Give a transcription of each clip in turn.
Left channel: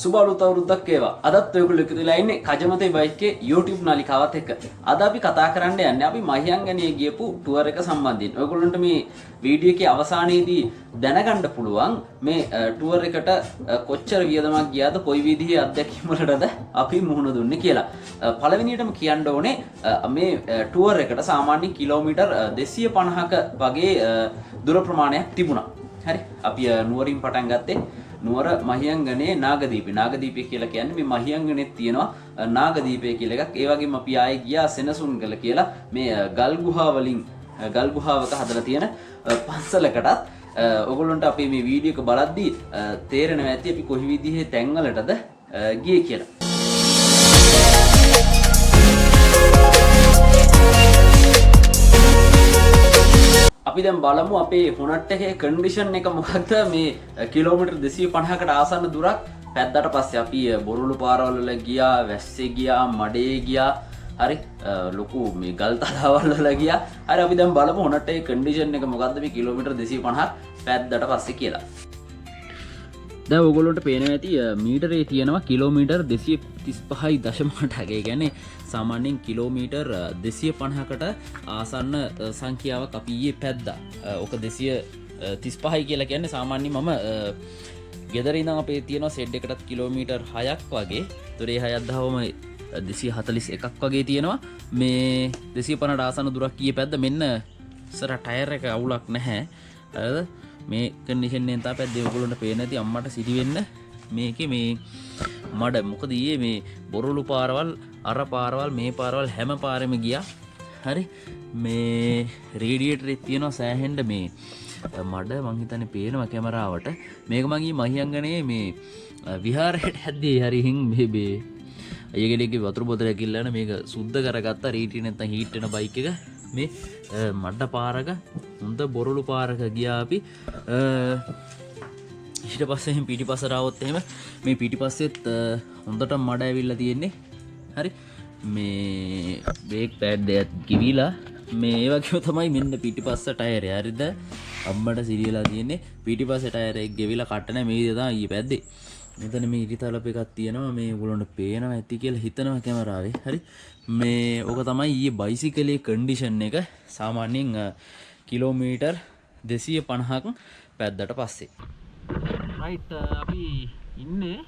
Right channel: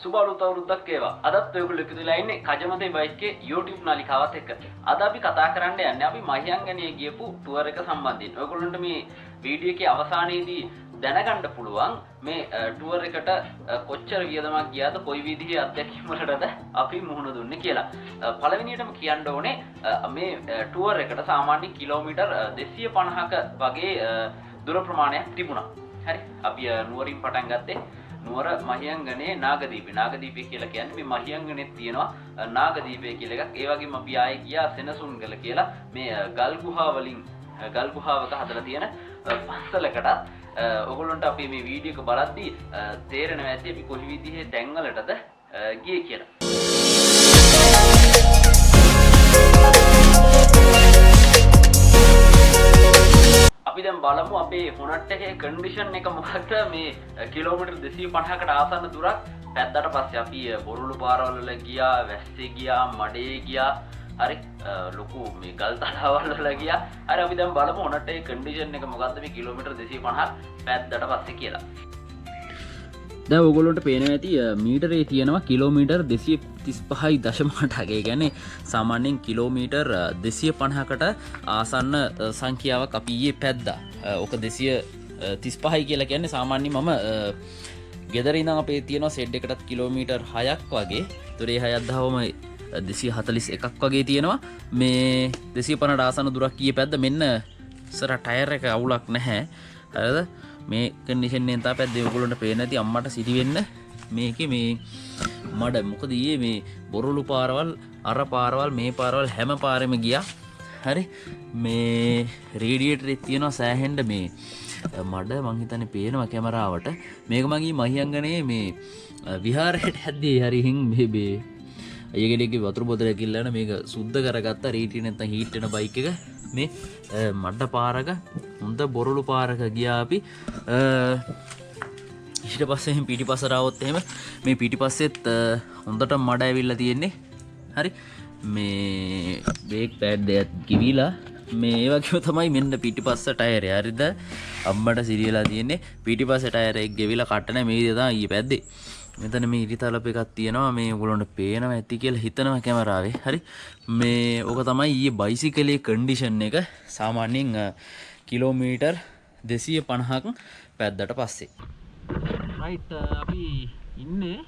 සුබ අලුත් අවුරුද්දක් වේවා. අදත් ඔයගොල්ලෝ එකතු වෙලා ඉන්නේ කජමතේ බයික් එකේ YouTube නාලිකාවත් එක්ක. අද අපි කතා කරන්න යන්නේ අපි මහියංගනියේ ගියපු ටුවර් එක සම්බන්ධයෙන්. ඔයගොල්ලන්ට මේ වීඩියෝ එකේ අවසානයේදී දැනගන්න පුළුවන් මේ ටුවර් එකට කොච්චර වියදමක් ගියාද, කොයි විදිහේ අත්දැකීම් වලටද අපි මුහුණ දුන්නේ කියලා. පළවෙනියටම කියන්න ඕනේ මේ ටුවර් එකට සාමාන්‍යයෙන් කිලෝමීටර් 250ක වගේ දුර ප්‍රමාණයක් තිබුණා. හරි. අපි නුවරින් පටන් ගත්තේ නුවර මහියංගනේ නාගදීපේ. නාගදීපේ කියලා කියන්නේ මේ මහියංගනේත් තියෙනවා නාගදීපේ කියලා එකක්. ඒ වගේම අපි ආයේ ගියා සෙනසුන්ගල කියලා මේ ගල් ගුහා වලින් ගල් ගුහාවක හදලා තියෙන පන්සලකටත් ඔයගොල්ලන්ට අපි මේ වීඩියෝ එක බලද්දී තේරෙනවා ඇති අපි කොයි විදිහේ තැන්වලටද ගියේ කියලා. අපි දැන් බලමු අපේ හොනට් එකේ කන්ඩිෂන් එක මොකක්ද. මේ කිලෝමීටර් 250කට ආසන්න දුරක් පැද්දට පස්සේ අපි බොරුළු පාරවල් වල ගියා, වැස්සේ ගියා, මඩේ ගියා. හරි ලොකු මේ ගල් තලාවල් වල ගියා. හරි අපි දැන් බලමු හොනට් එකේ කන්ඩිෂන් එක මොකක්ද මේ කිලෝමීටර් 250ක් පැද්දට පස්සේ කියලා. දැන් ඔයගොල්ලන්ට පේනවා ඇති මීටරේ තියෙනවා කිලෝමීටර් 235.8. ඒ කියන්නේ සාමාන්‍යයෙන් කිලෝමීටර් 250කට ආසන්න සංඛ්‍යාවක් අපි ඊයේ පැද්දා. ඔක 235යි කියලා කියන්නේ සාමාන්‍යයෙන් මම ගෙදර ඉඳන් අපේ තියෙනවා සෙඩ් එකටත් කිලෝමීටර් 6ක් වගේ. ඒතර ඒ 6ක් දහවම 241ක් වගේ තියෙනවා. මේ 250ට ආසන්න දුරක් ඊයේ පැද්ද. මෙන්න ඉස්සර ටයර් එක අවුලක් නැහැ. හරිද? මේ කන්ඩිෂන් එකෙන් තමයි පැද්දේ. ඔයගොල්ලන්ට පේන ඇති අම්මට සිටි වෙන්න මේකේ මේ මඩ. මොකද ඊයේ මේ බොරළු පාරවල්, අර පාරවල්, මේ පාරවල් හැම පාරෙම ගියා. හරි මේ රේඩියේටරේ තියෙනවා සෑහෙන්න මේ මඩ. මං හිතන්නේ පේනවා කැමරාවට. මේක මගේ මහියංගනේ මේ විහාරයට හැද්දේ හරිහින් මේ අයගෙඩේගේ වතුර බෝතලයක් ඉල්ලන මේක සුද්ධ කරගත්තා. රේටිය නැත්තම් හීට් වෙන බයික් එක මේ මඩ පාරක හොඳ බොරළු පාරක ගියා අපි. ඊට පස්සේ පිටිපස්සට આવොත් එහෙම මේ පිටිපස්සෙත් හොඳට මඩ ඇවිල්ලා තියෙන්නේ. හරි මේ බ්‍රේක් පෑඩ් එකක් කිවිලා මේ ඒ වගේම තමයි මෙන්න පිටිපස්ස ටයරය. හරිද? අම්මට සිරියලා තියෙන්නේ පිටිපස්ස ටයර් එක ගෙවිලා කට නැහැ. මේ විදිහ තමයි ඊයේ පැද්දේ. මෙතන මේ ඉරිතලප එකක් තියෙනවා. මේ ඔයගොල්ලන්ට පේනවා ඇති කියලා හිතනවා කැමරාවේ. හරි මේ ඕක තමයි ඊයේ බයිසිකලේ කන්ඩිෂන් එක සාමාන්‍යයෙන් කිලෝමීටර් 250ක් පැද්දට පස්සේ. රයිට් අපි ඉන්නේ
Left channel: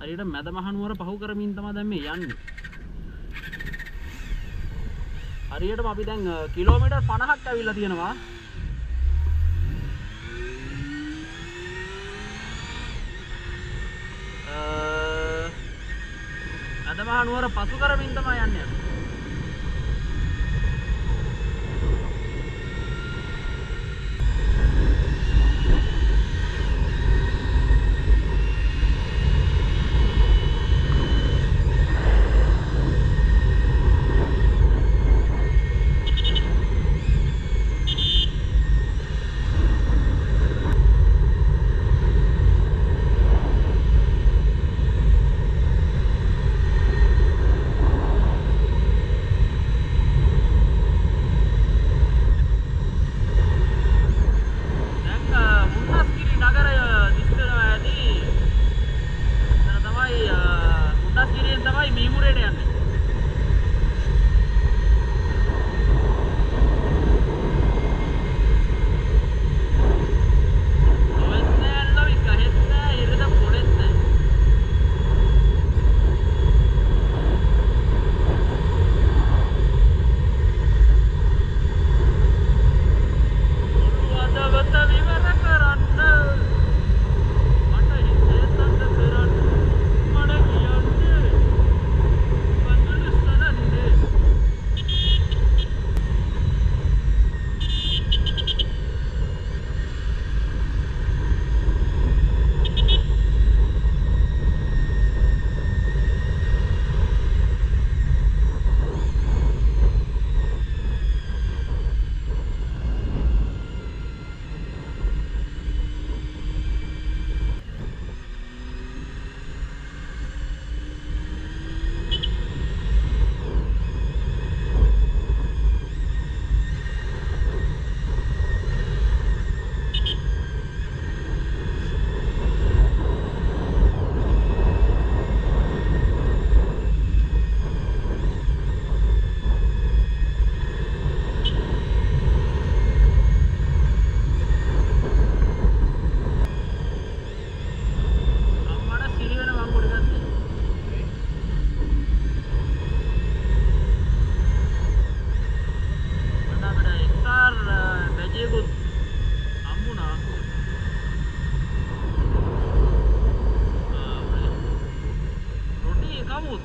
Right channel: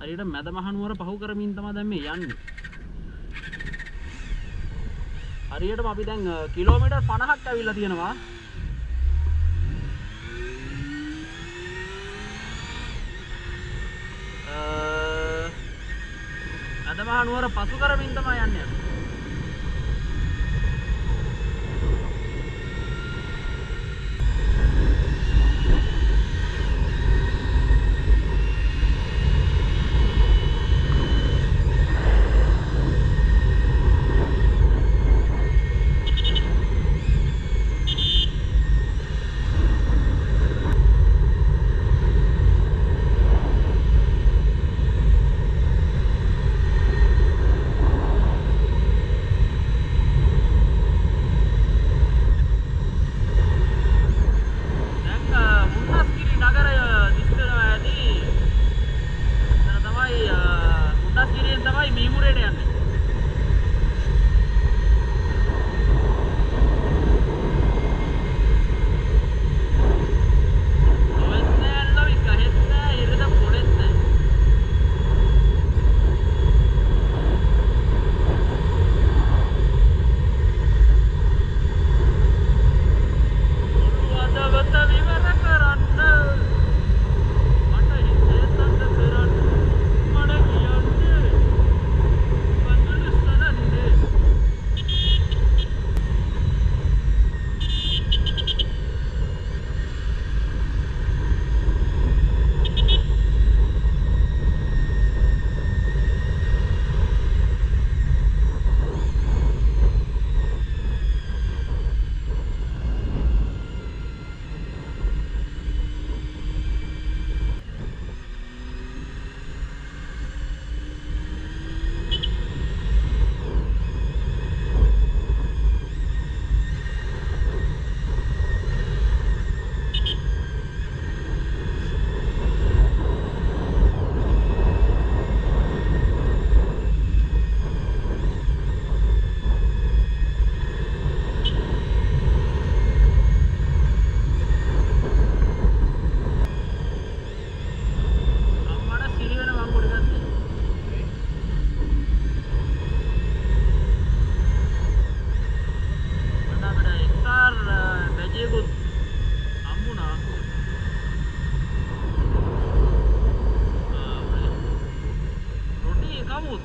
හරියට මැද මහනුවර පහු කරමින් තමයි දැන් මේ යන්නේ. හරියටම අපි දැන් කිලෝමීටර් 50ක් ඇවිල්ලා තියෙනවා. මැද මහනුවර පසු කරමින් තමයි යන්නේ.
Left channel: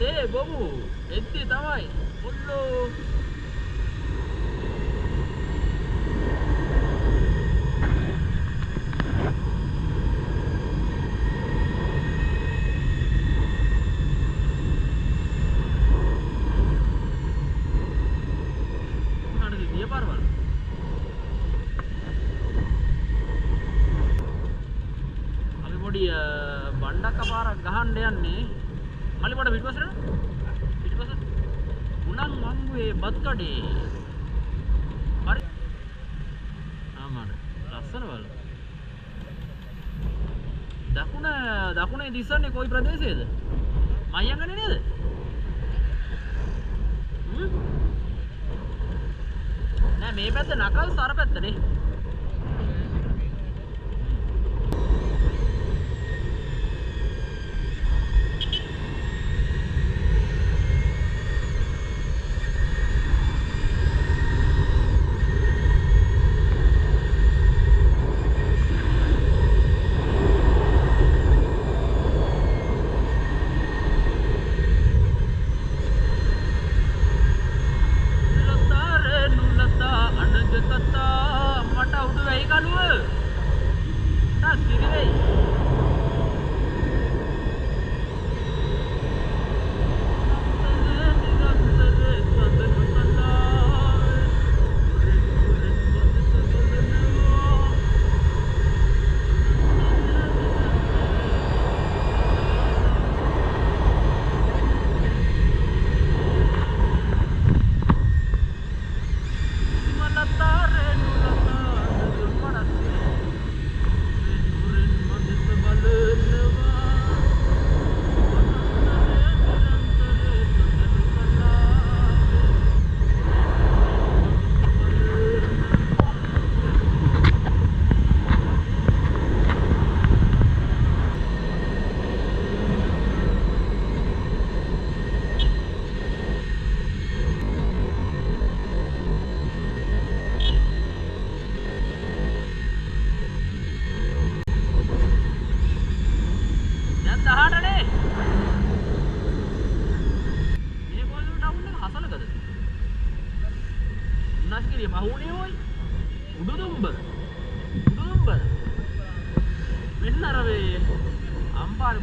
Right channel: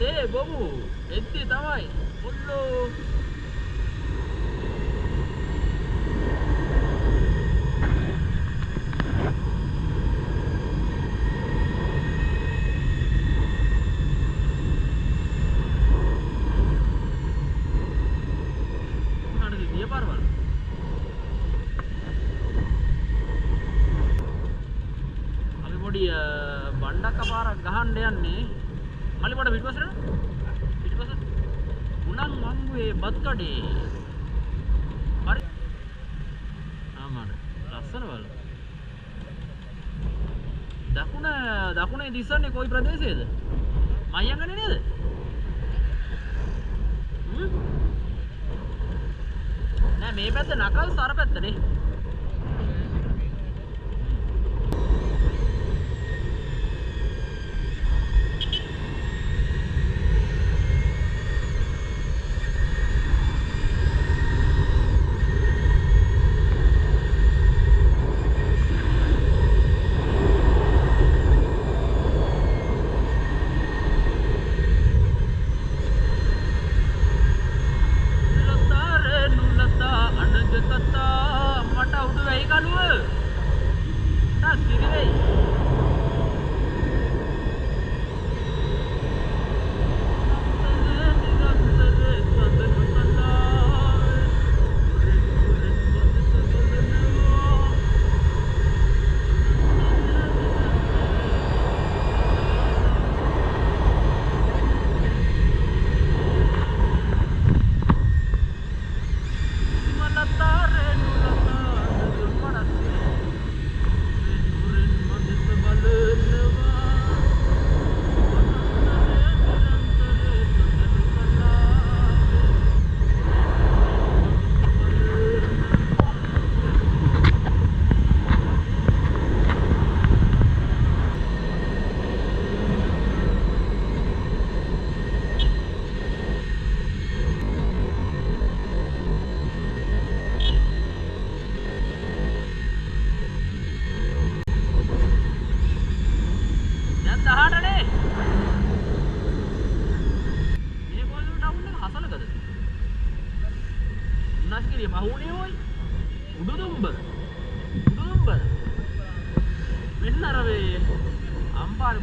තේ බොමු එද්දි තමයි ඔල්ලෝ බණ්ඩක් අපාරක් ගහන්න යන්නේ මල්ලිපොඩ පිටිපස්සට උණන් වංගුවේ බත් කඩේ හරි ආමර ලස්සන වල දකුණේ දිස්සන්නේ කොයි ප්‍රදේශයේද මයංගනේ නේද නෑ මේ පැත්ත නකල් සර පැත්තනේ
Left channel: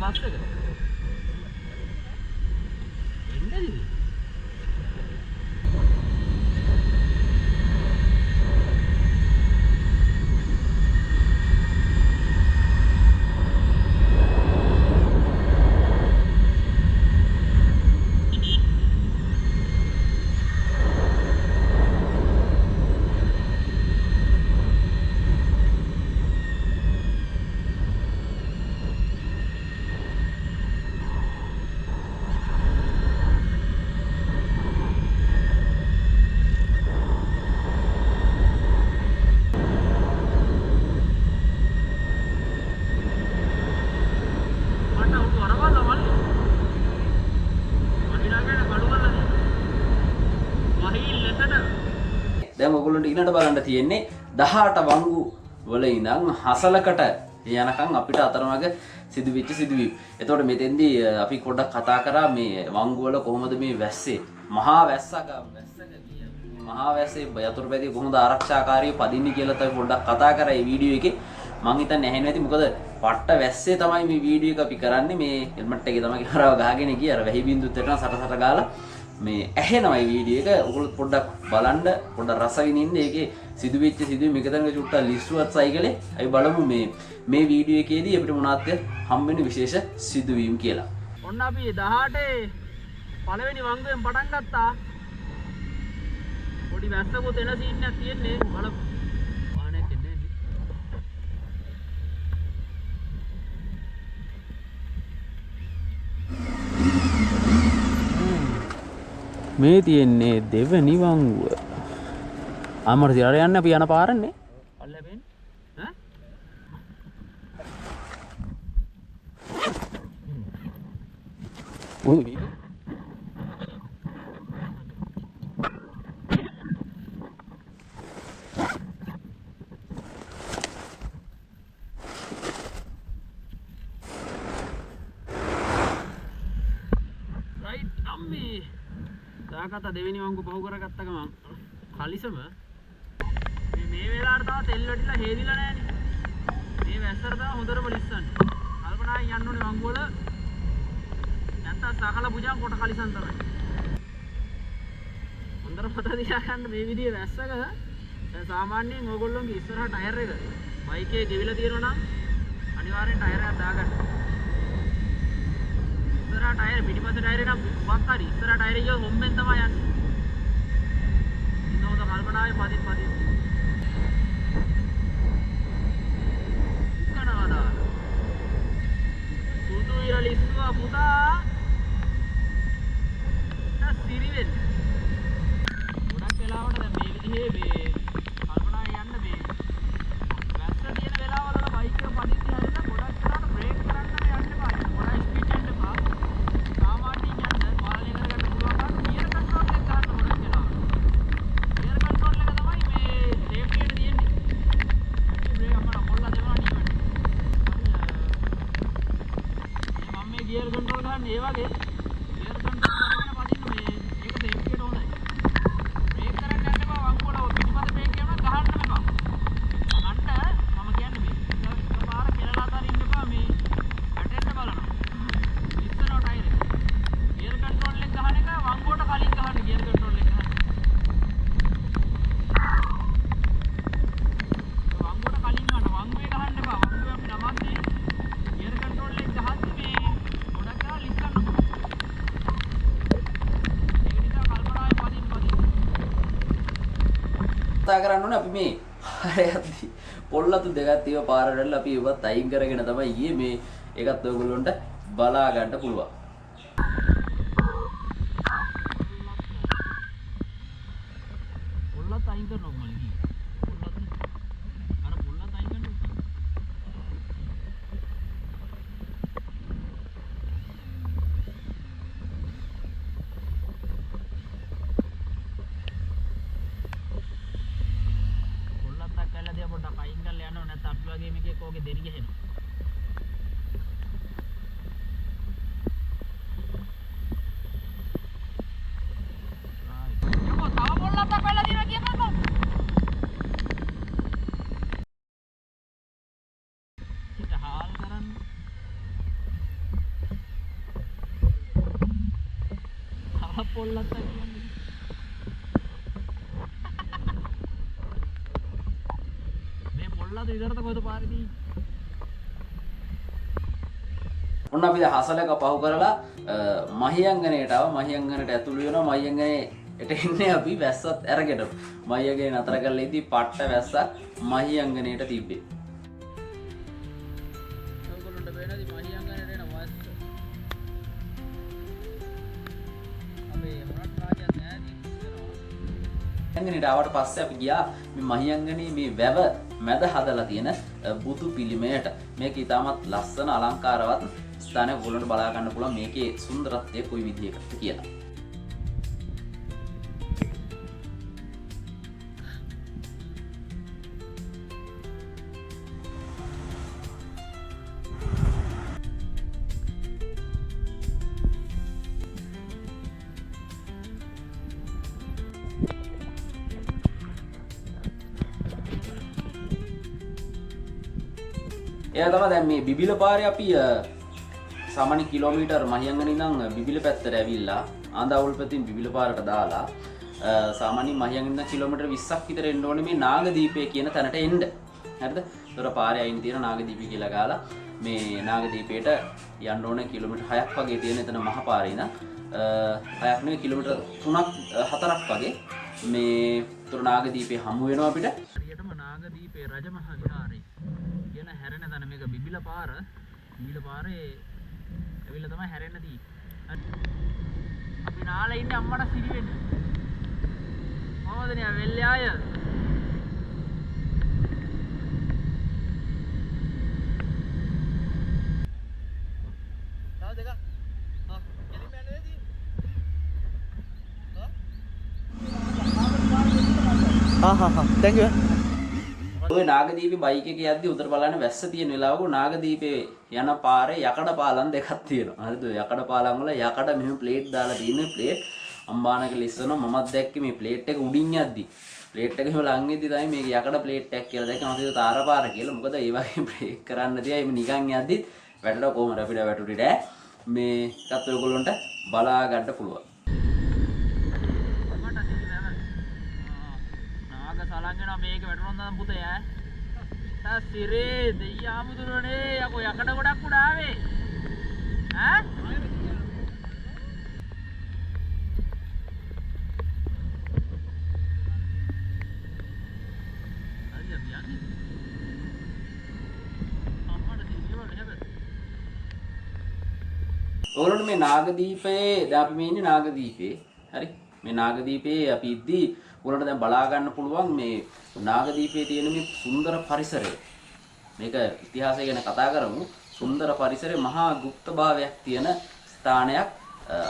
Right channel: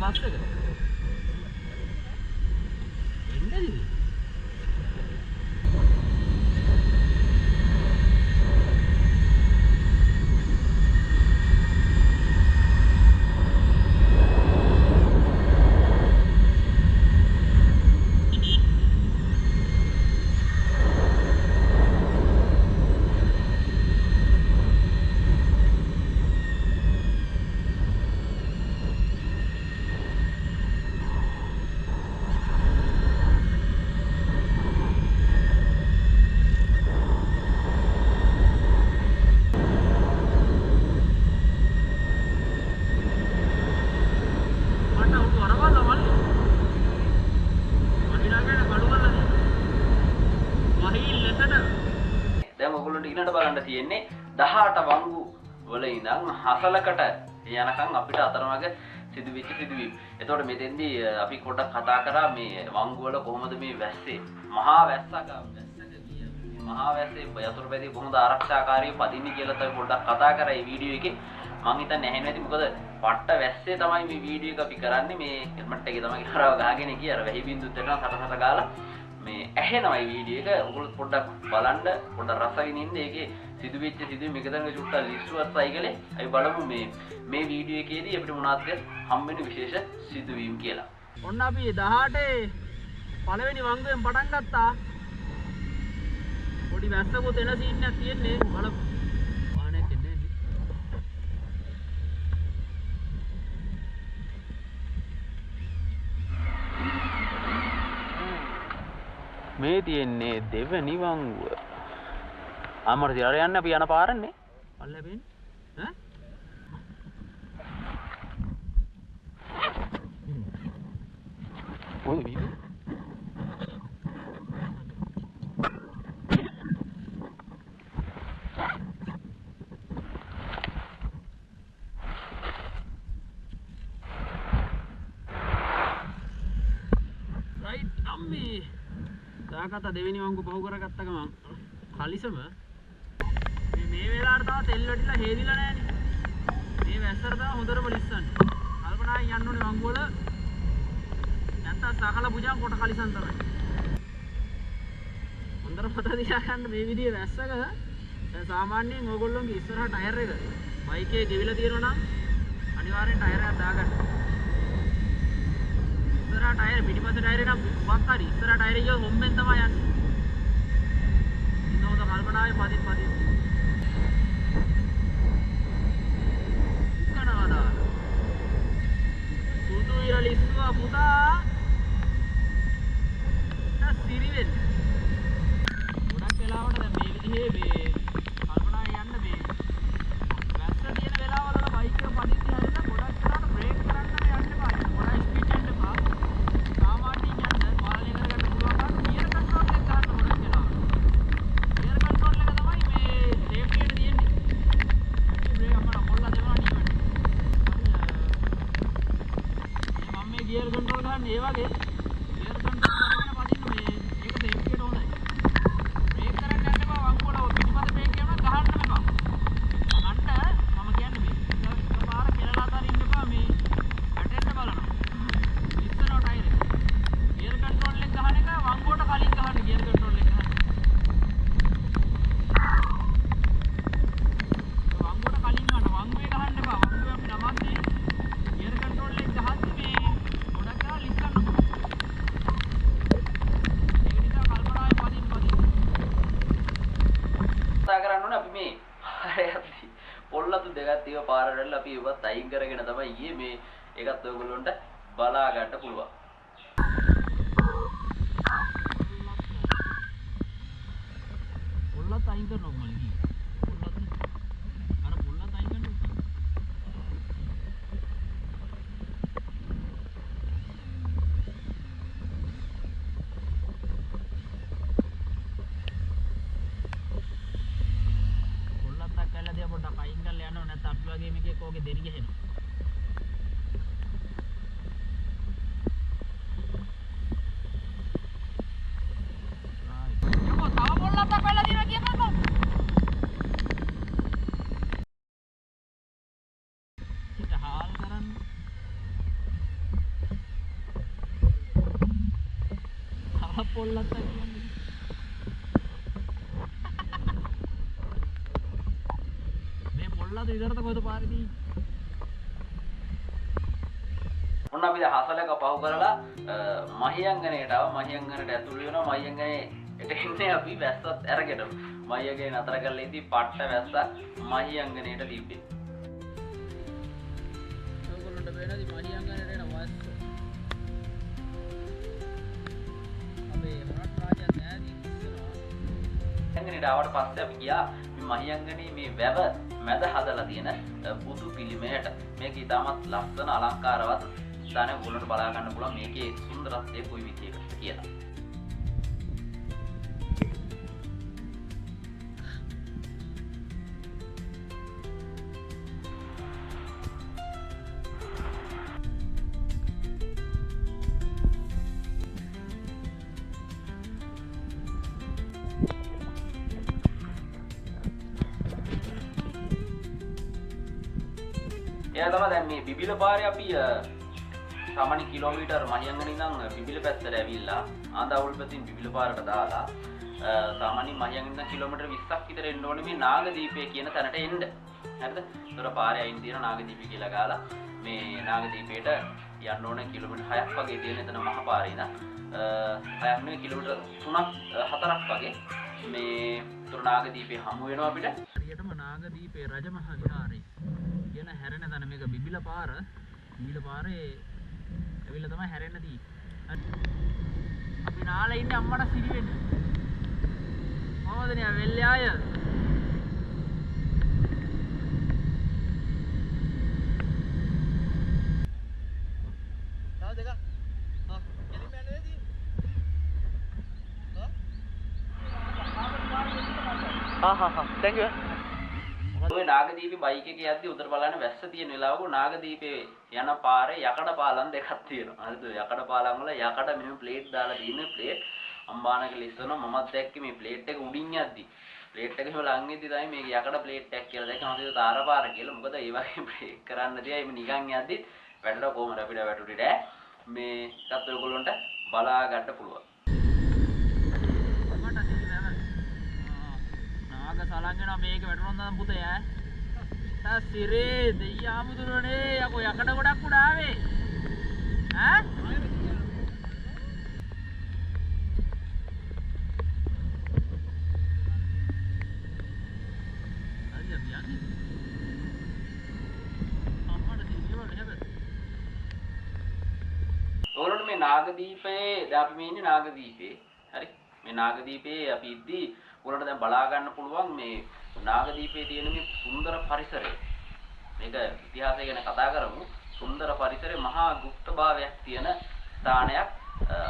බස් එක එන්නද දැන් ඔයගොල්ලන්ට ඊළඟට බලන්න තියෙන්නේ 18 වංගු වල ඉඳන් හසලකට යනකම් අපිට අතරමඟ සිදුවෙච්ච සිදුවීම්. එතකොට මෙතෙන්දී අපි පොඩ්ඩක් කතා කරා මේ වංගු වල කොහොමද මේ වැස්සේ මහා වැස්සේ යතුරුපැදිය කොහොමද ආරක්ෂාකාරීව පදින්නේ කියලා තමයි පොඩ්ඩක් කතා කරා මේ වීඩියෝ එකේ. මං හිතන්නේ ඇහෙන්නේ නැති මොකද පට්ට වැස්සේ තමයි මේ වීඩියෝ එක අපි කරන්නේ. මේ හෙල්මට් එකේ තමයි කරාව ගහගෙන ගියා. අර වැහි බින්දුත් එක්කන සට ගාලා මේ ඇහෙනවා මේ වීඩියෝ එක. ඔයගොල්ලෝ පොඩ්ඩක් බලන්න පොඩ්ඩක් රස විඳින්න. ඒකේ සිදුවෙච්ච සිදුවීම් එකතැනක චුට්ටක් ලිස්සුවත් සයිකලේ අපි බලමු මේ වීඩියෝ එකේදී අපිට මොනවද හම්බෙන්නේ විශේෂ සිදුවීම් කියලා. ඔන්න අපි 18 පළවෙනි වංගුවෙන් පටන් ගත්තා. පොඩි වැස්සකුත් එන සීන් එකක් තියෙන්නේ. බලමු. වාහනයක් එන්නේ මේ තියෙන්නේ දෙවෙනි වංගුව. අමර තිරට යන්න අපි යන පාරන්නේ. පල්ලෙපෙන් ඈ උයි right අම්මේ දාගත්ත දෙවෙනි වංගු පහු කරගත්ත ගමන් කලිසම මේ වෙලාවට තාම තෙල් වැටිලා හේදිලා නැහැනේ. මේ වැස්සට තාම හොඳටම ලිස්සන්නේ. කල්පනායෙන් යන්න ඕනේ වංගු වල. නැත්තම් සකල පුජාන් කොට කලිසම් තමයි. හොඳට පත දිහා ගන්න මේ විදිහේ වැස්සක දැන් සාමාන්‍යයෙන් ඕගොල්ලෝගේ ඉස්සරහ ටයර් එක බයික් එකේ ගෙවිලා තියෙනවා නම් අනිවාර්යෙන් ටයර් එකක් දාගන්න. ඉස්සරහ ටයර් පිටිපස්ස ටයර් එක නම් මොකක් හරි ඉස්සරහ ටයර් එක හොම්බෙන් තමයි යන්නේ. ඉන්න හොඳ කල්පනාවේ පදින් උකනවාදා සුදු ඉරලිස්වා පුතා සිරි වෙන්නේ. ගොඩක් වෙලාවට දැන් මේ විදිහේ මේ කල්පනාවේ යන්න මේ වැස්ස තියෙන වෙලාවවල බයික් එක පදිද්දී හැරෙන්න ගොඩක් වෙලාවට බ්‍රේක් කරන්න යන්න එපා. ගොඩක් ස්පීඩ් යන්න එපා. සාමාන්‍යයෙන් යන්න පාලනය කරගන්න පුළුවන් නම් ගියර් කන්ට්‍රෝල් එක ගන්න ගොඩක් වෙලාවට. ගියර් කන්ට්‍රෝල් එක තමයි මේ සේෆ්ටි එකට තියෙන්නේ. මේ බ්‍රේක් අපර මොල්ලා දෙනවා නීවට. මම මේ ගියර් කන්ට්‍රෝල් ගන්න ඒ වගේ ගියර් කන්ට්‍රෝල් කරගෙන පදින්න මේ ඒක සේෆ්ටි එකට හොඳයි. බ්‍රේක් කරන්න යන්න එපා වංගු වල පිටිපස්ස බ්‍රේක් කරනවා ගහන්න එපා. මම කියන්නේ මේ පාර කෙලලා අතරින් එපා මේ ඇටෙන්න බලනවා. ඉස්සරහ ටයර් එක. ගියර් කන්ට්‍රෝල් එක ගහන එක වංගුවට කලින් ගහන්න ගියර් කන්ට්‍රෝල් එක ගහන්න. වංගුවට කලින් ගහන්න වංගුවේ ගහන්න එපා. වංගුවේ අපි නමන්නේ ගියර් කන්ට්‍රෝල් එක ගහද්දි මේ ගොඩක් කරලා ලිස්සන්න පුළුවන්. ඒක නිසා කල්පනාවේ පදින්න. කතා කරන්න ඕනේ අපි මේ හරියද්දි පොල්ලතු දෙකක් තියව පාරවල අපි ඒවත් අයින් කරගෙන තමයි ගියේ මේ ඒකත් ඔයගොල්ලන්ට බලා ගන්න පුළුවන්. පොල්ලත් අයින් කරනවා මම ගියේ. පොල්ලත් අර පොල්ලත් අයින් කරනවා. පොල්ලත් අක්කලා දිහා පොඩ්ඩක් අයින් කරලා යනවා නැත්නම් අපි වගේ මේකේ කෝගේ දෙරි ගහනවා. යකෝ තව පොල්ලත් අක්කලා දිනවා කියපන්කෝ. හිත හාල් කරන්න. තව පොල්ලත් අක්කලා මේ පොල්ලත් විතරද කොහෙද පාරේදී? ඔන්න අපි දැන් හසලක පහු කරලා මහියංගනයට ආව. මහියංගනට ඇතුළු වෙනවා. මහියංගනේට එන්නේ අපි වැස්සත් අරගෙන. මහියංගනේ නතර කරලා ඉදී පට්ට වැස්සක් මහියංගනේට දීපේ. ඔයගොල්ලන්ට වෙනදි මහියංගනේට එන වැස්ස. අපි මොනක් රාජ්‍යයක් නෑදී ඉස්සරහා. මහියංගනේට ආවට පස්සේ අපි ගියා මේ මහියංගනේ මේ වැව මැද හදලා තියෙන බුදු පිළිමයට. මේක ඉතාමත් ලස්සන අලංකාරවත් ස්ථානයක් ඔයගොල්ලන්ට බලා ගන්න පුළුවන් මේකේ සුන්දරත්වය කොයි විදිහකද කියලා. එයා තමයි දැන් මේ බිබිල පාරේ අපි සාමාන්‍ය කිලෝමීටර් මහියංගනේ ඉඳන් බිබිල පැත්තට ඇවිල්ලා ආඳාවුල් පැත්තෙන් බිබිල පාරට දාලා සාමාන්‍ය මහියංගනේ ඉඳන් කිලෝමීටර් 20ක් විතර එන්න ඕනේ මේ නාගදීපය කියන තැනට එන්න. හරිද? ඒතර පාරේ අයින් තියෙන නාගදීපය කියලා ගාලා මේ නාගදීපයට යන්න ඕනේ කිලෝමීටර් 6ක් වගේ තියෙන එතන මහ පාරේ ඉඳන් 6ක් නෙවෙයි කිලෝමීටර් 3ක් 4ක් වගේ මේ ඒතර නාගදීපේ හමු වෙනවා අපිට. හරියටම නාගදීපේ රජමහා විහාරේ කියන හැරෙන තැන මේක බිබිල පාර. බිබිල පාරේ ඇවිල්ලා තමයි හැරෙන්න තියෙන්නේ. අපි නාලා ඉන්නේ අම්මට සිරි වෙන්න. මොනවද නේ වෙල්ලේ ආය? තව දෙක. එලිම යන්නේ නේද? thank you. ඔය නාගදීපේ බයික් එකේ යද්දි උතර බලන්න වැස්ස තියෙන වෙලාවක නාගදීපේ යන පාරේ යකඩ පාලම් දෙකක් තියෙනවා. හරිද? යකඩ පාලම් වල යකඩ මෙහෙම ප්ලේට් දාලා තියෙන ප්ලේට් අම්බානක ලිස්සනවා. මමත් දැක්කේ මේ ප්ලේට් එක උඩින් යද්දි. ප්ලේට් එක එහෙම ලං වෙද්දි තමයි මේක යකඩ ප්ලේට් එකක් කියලා දැක්කම හිතුවා තාරපාර කියලා. මොකද ඒ වගේ බ්‍රේක් කරන්න තියා එimhe නිකන් යද්දි වැටෙනවා කොහමද අපිට වැටුනේ නෑ. මේ එකත් ඔයගොල්ලන්ට බලා ගන්න පුළුවන්. නාග සලංගන මේක වැටුනොත් නම් පුතේ ඈ සිරේ දෙයියාමුදුරනේ යකෝ යකඩ ගොඩක් උඩ ආවේ ඈ ඔයගොල්ලෝ මේ නාගදීපයේ දැන් අපි මේ ඉන්නේ නාගදීපේ හරි මේ නාගදීපේ අපි ඉද්දි ඔයගොල්ලන්ට දැන් බලා ගන්න පුළුවන් මේ නාගදීපයේ තියෙන මේ සුන්දර පරිසරය මේක ඉතිහාසය ගැන කතා කරමු සුන්දර පරිසරයේ මහා গুপ্ত භාවයක් තියෙන ස්ථානයක්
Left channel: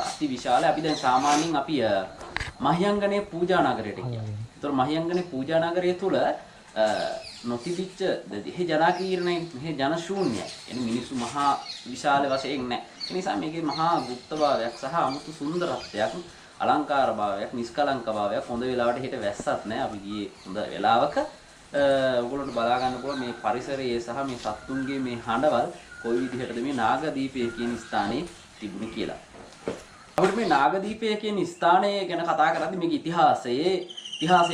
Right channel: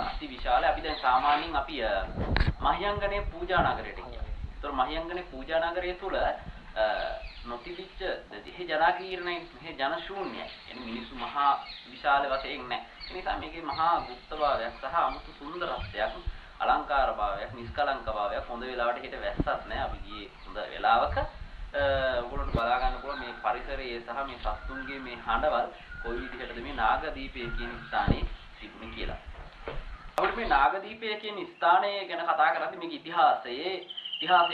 අති විශාල අපි දැන් සාමාන්‍යයෙන් අපි මහියංගනේ පූජා නගරයට කියනවා. ඒතර මහියංගනේ පූජා නගරය තුල නොතිබිච්ච දෙහි ජනාකීර්ණය මෙහි ජන ශූන්‍යයි. එනි මිනිස්සු මහා විශාල වශයෙන් නැහැ. ඒ නිසා මේකේ මහා গুপ্ত භාවයක් සහ අමුතු සුන්දරත්වයක් අලංකාර භාවයක් නිස්කලංක භාවයක් හොඳ වෙලාවට හිට වැස්සත් නැහැ. අපි ගියේ හොඳ වෙලාවක ඔයගොල්ලන්ට බලා ගන්න පුළුවන් මේ පරිසරයේ සහ මේ සත්තුන්ගේ මේ හඬවල් කොයි විදිහටද මේ නාගදීපය කියන ස්ථානයේ තිබුණේ කියලා. අපිට මේ නාගදීපය කියන ස්ථානය ගැන කතා කරද්දී මේක ඉතිහාසය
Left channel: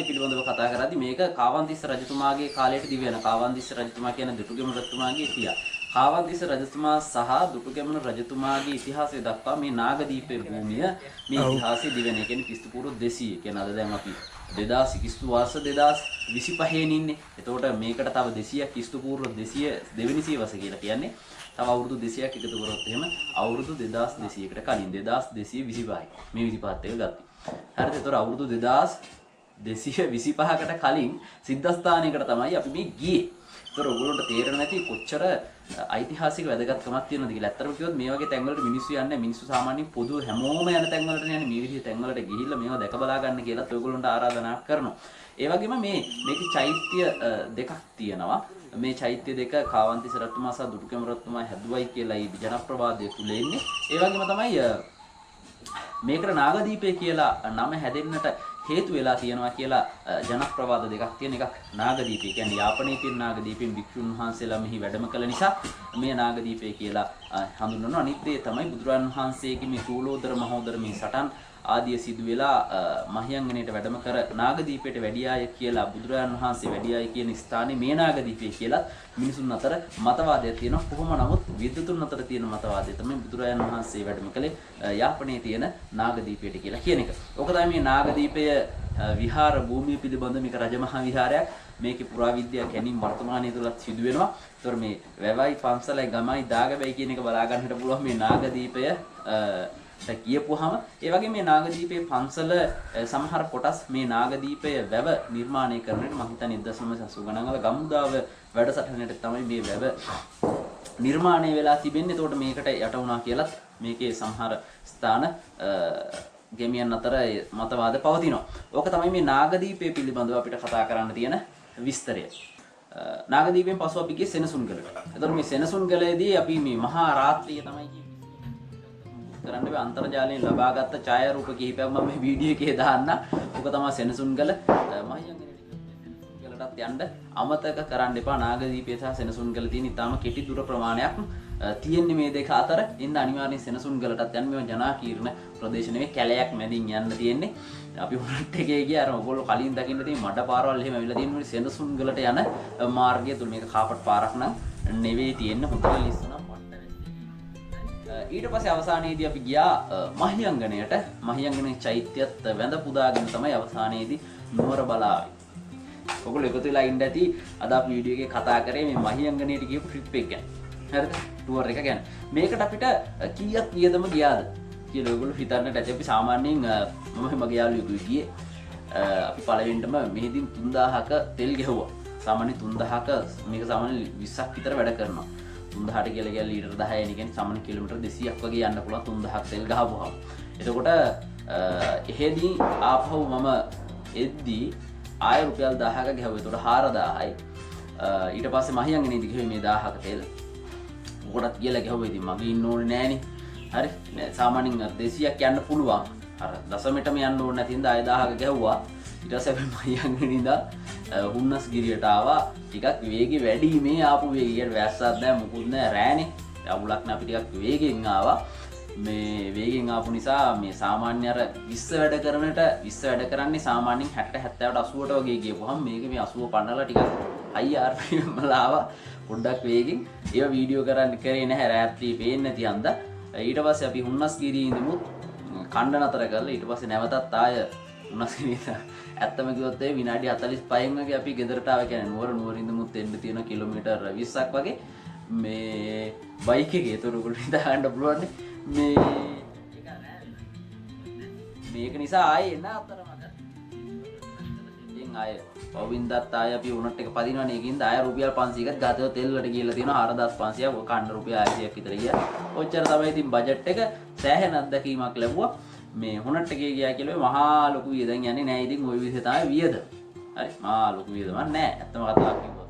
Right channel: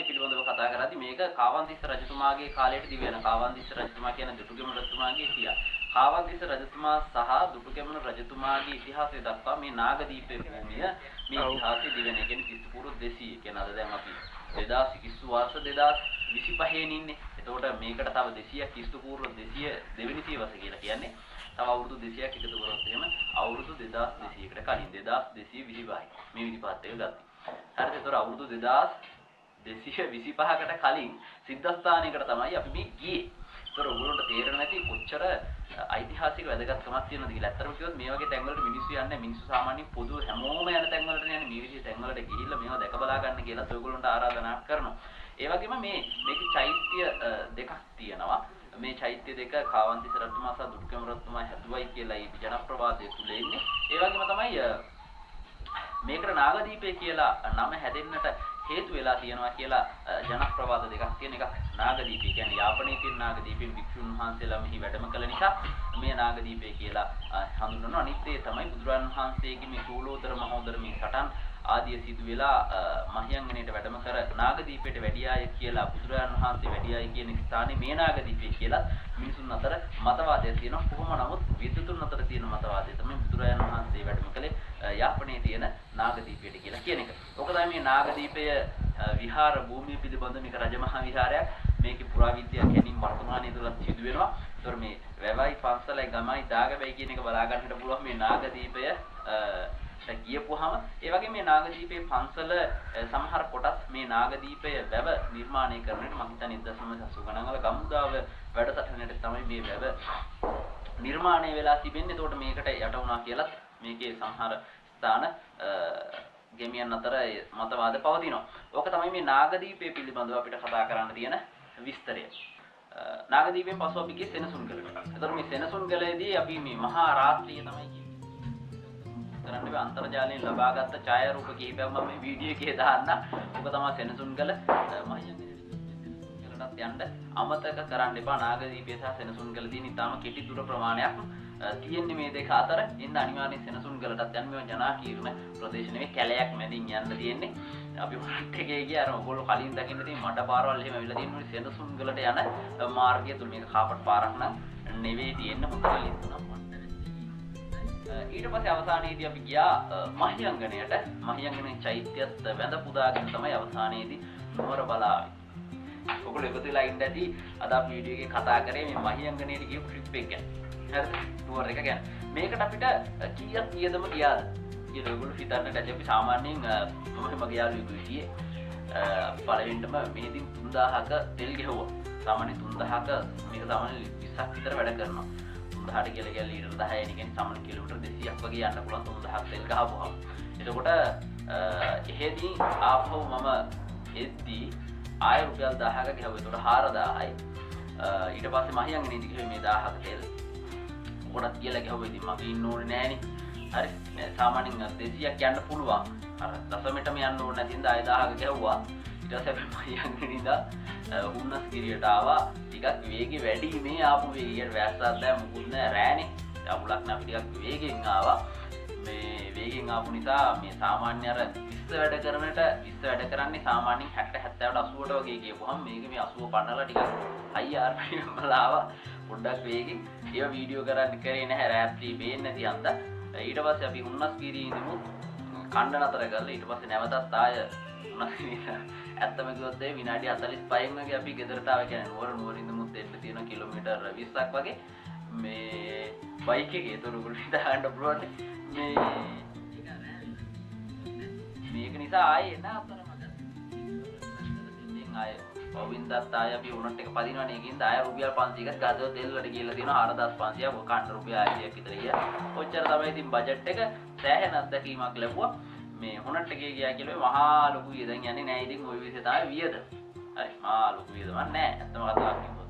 පිළිබඳව කතා කරද්දී මේක කාවන්තිස්ස රජතුමාගේ කාලයට දිවෙන කාවන්තිස්ස රජතුමා කියන දුටුගැමුණු රජතුමාගේ ඉතිහාසය. කාවන්තිස්ස රජතුමා සහ දුටුගැමුණු රජතුමාගේ ඉතිහාසය දක්වා මේ නාගදීපේ භූමිය මේ ඉතිහාසයේ දිවෙන. ඒ කියන්නේ ක්‍රිස්තු පූර්ව 200 කියන අද දැන් අපි 2000 ක්‍රිස්තු වර්ෂ 2025 ඉන්නේ. එතකොට මේකට තව 200ක් ක්‍රිස්තු පූර්ව 200 දෙවෙනි සියවස කියලා කියන්නේ. තව අවුරුදු 200ක් එකතු කරොත් එහෙම අවුරුදු 2200කට කලින් 2225යි. මේ 25ත් එක ගත්තා. හරිද? එතකොට අවුරුදු 2225කට කලින් සිද්ධාස්ථානයකට තමයි අපි මේ ගියේ. ඒතර ඔයගොල්ලන්ට තේරෙන්නේ නැති කොච්චර ඓතිහාසික වැදගත්කමක් තියෙනවද කියලා. ඇත්තටම කිව්වොත් මේ වගේ තැන්වලට මිනිස්සු යන්නේ මිනිස්සු සාමාන්‍යයෙන් පොදු හැමෝම යන තැන්වලට යන්නේ මේ විදිහේ තැන්වලට ගිහිල්ලා මේවා දැක බලා ගන්න කියලා ඔයගොල්ලන්ට ආරාධනා කරනවා. ඒ වගේම මේකේ චෛත්‍ය දෙකක් තියෙනවා. මේ චෛත්‍ය දෙක කාවන්තිස්ස රජතුමා සහ දුටුගැමුණු රජතුමා හැදුවයි කියලා ඒ ජනප්‍රවාදයේ තුල ඉන්නේ. ඒ වගේම තමයි මේකට නාගදීපය කියලා නම හැදෙන්නට හේතු වෙලා තියෙනවා කියලා ජනප්‍රවාද දෙකක් තියෙන එකක් නාගදීපය කියන්නේ යාපනයේ තියෙන නාගදීපෙන් භික්ෂුන් වහන්සේලා මෙහි වැඩම කළ නිසා මේ නාගදීපය කියලා හඳුන්වනවා. අනිත් දේ තමයි බුදුරන් වහන්සේගේ මේ සූලෝදර මහෝදර මේ සටන් ආදිය සිදු වෙලා මහියංගනයට වැඩම කර නාගදීපයට වැඩියාය කියලා බුදුරන් වහන්සේ වැඩියාය කියන ස්ථානේ මේ නාගදීපය කියලා මිනිසුන් අතර මතවාදයක් තියෙනවා. කොහොම නමුත් විද්වතුන් අතර තියෙන මතවාදය තමයි බුදුරන් වහන්සේ වැඩම කළේ යාපනයේ තියෙන නාගදීපයට කියලා කියන එක. ඔක තමයි මේ නාගදීපය විහාර භූමිය පිළිබඳ මේක රජමහා විහාරයක්. මේකේ පුරාවිද්‍යා කැණීම් වර්තමානයේ තුලත් සිදු වෙනවා. ඒතර මේ වැවයි පන්සලයි ගමයි දාගබයි කියන එක බලා ගන්නට පුළුවන් මේ නාගදීපය කියපුවාම ඒ වගේ මේ නාගදීපේ පන්සල සමහර කොටස් මේ නාගදීපය වැව නිර්මාණය කරනකොට මම හිතන්නේ 1980 ගණන් වල ගමුදාව වැඩසටහනට තමයි මේ වැව නිර්මාණය වෙලා තිබෙන්නේ. ඒතකොට මේකට යට වුණා කියලත් මේකේ සමහර ස්ථාන ගෙමියන් අතර මතවාද පවතිනවා. ඕක තමයි මේ නාගදීපය පිළිබඳව අපිට කතා කරන්න තියෙන විස්තරය. නාගදීපයෙන් පසු අපි ගියේ සෙනසුන්ගලට. ඒතකොට මේ සෙනසුන්ගලේදී අපි මේ මහා රාත්‍රිය තමයි කරන්න බෑ අන්තර්ජාලයෙන් ලබාගත් ඡායාරූප කිහිපයක් මම මේ වීඩියෝ එකේ දාන්න. ඔක තමයි සෙනසුන්ගල මහියංගනටත් යන්න අමතක කරන්න එපා. නාගදීපය සහ සෙනසුන්ගල තියෙන ඉතාම කෙටි දුර ප්‍රමාණයක් තියෙන්නේ මේ දෙක අතර. ඉන්න අනිවාර්යෙන් සෙනසුන්ගලටත් යන්න. මේවා ජනාකීර්ණ ප්‍රදේශ නෙවෙයි කැලයක් මැදින් යන්න තියෙන්නේ. අපි උඩට එකේ ගියා අර ඔයගොල්ලෝ කලින් දකින්න තියෙන මඩ පාරවල් එහෙම ඇවිල්ලා තියෙන්නේ සෙනසුන්ගලට යන මාර්ගය තුල. මේක කාපට් පාරක් නම් නෙවෙයි තියෙන්නේ හොඳට ලිස්සනවා. ඊට පස්සේ අවසානයේදී අපි ගියා මහියංගනයට. මහියංගනේ චෛත්‍යයත් වැඳ පුදාගෙන තමයි අවසානයේදී නුවර බලාවේ. ඔයගොල්ලෝ එකතු වෙලා ඉන්න ඇති අද අපි වීඩියෝ එකේ කතා කරේ මේ මහියංගනේට ගියපු ට්‍රිප් එක ගැන. හරිද? ටුවර් එක ගැන. මේකට අපිට කීයක් වියදම ගියාද කියලා ඔයගොල්ලෝ හිතන්නට ඇති. අපි සාමාන්‍යයෙන් මම මගේ යාළුවෙකුයි ගියේ. අපි පළවෙනිටම මෙහිදී 3000ක තෙල් ගෙවුවා. සාමාන්‍ය 3000ක මේක සාමාන්‍ය 20ක් විතර වැඩ කරනවා. 3000ට කියලා ගියා ලීටර් 10යි කියන්නේ සාමාන්‍ය කිලෝමීටර් 200ක් වගේ යන්න පුළුවන් 3000ක් තෙල් ගහපුවාම. එතකොට එහෙදී ආපහු මම එද්දී ආය රුපියල් 1000ක ගහුවා. ඒතකොට 4000යි. ඊට පස්සේ මහියන් නේද කිව්වේ මේ 1000ක තෙල් මොකටද කියලා ගැහුවා. ඉතින් මගේ ඉන්න ඕනේ නෑනේ. හරි සාමාන්‍යයෙන් 200ක් යන්න පුළුවන්. අර දශමෙටම යන්න ඕනේ නැති හින්දා ආය 1000ක ගැහුවා. ඊට පස්සේ අපි මහියන් නිදා හුන්නස් ගිරියට ආවා. ටිකක් වේගෙ වැඩි මේ ආපු වේගයට වැස්සක් නැහැ මොකුත් නැහැ රෑනේ. අවුලක් නැහැ අපි ටිකක් වේගෙන් ආවා. මේ වේගෙන් ආපු නිසා මේ සාමාන්‍ය අර 20 වැඩ කරනට 20 වැඩ කරන්නේ සාමාන්‍යයෙන් 60 70ට 80ට වගේ ගියපුවහම මේක මේ 80 පන්නලා ටිකක් හයි RPM වල ආවා පොඩ්ඩක් වේගෙන්. ඒව වීඩියෝ කරන්න කරේ නැහැ රාත්‍රී පේන්නේ නැති හන්දා. ඊට පස්සේ අපි හුන්නස් ගිරියේ ඉඳමුත් කණ්ඩ නතර කරලා ඊට පස්සේ නැවතත් ආය හුන්නස් ගිරියට ඇත්තම කිව්වොත් ඒ විනාඩි 45න් වගේ අපි ගෙදරට ආව. කියන්නේ නුවර ඉඳමුත් එන්න තියෙන කිලෝමීටර් 20ක් වගේ මේ බයික් එකේ තොරතුරු හිතාගන්න පුළුවන් මේක නිසා ආයේ එන අතරමඟ ආයේ ඔවින්දත් ආයේ අපි උනට් එක පදිනවනේ ඒකින්ද ආයේ රුපියල් 500ක් ගතව තෙල් වලට ගිහලා තියෙනවා 4500ක් කන්න රුපියල් 600ක් විතර ගියා. ඔච්චර තමයි ඉතින් බජට් එක සෑහෙන අත්දැකීමක් ලැබුවා. මේ හොනට් එකේ ගියා කියලා මහා ලොකු වියදම් යන්නේ නැහැ. ඉතින් ওই විදිහට තමයි වියද. හරි මහා ලොකු වියදමක් නැහැ. ඇත්තම කතාවක් කිව්වොත්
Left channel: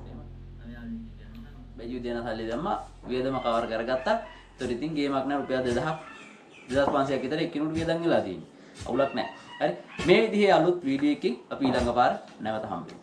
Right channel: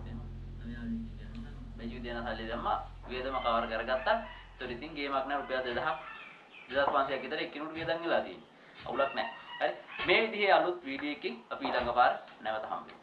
බෙජු දෙන සල්ලි දැම්මා වියදම කවර් කරගත්තා. ඒතර ඉතින් ගේමක් නෑ රුපියල් 2000 2500ක් විතර එක්කිනුට වියදම් වෙලා තියෙන්නේ. අවුලක් නෑ. හරි මේ විදිහේ අලුත් වීඩියෝ එකකින් අපි ඊළඟ පාර නැවත හම්බෙමු.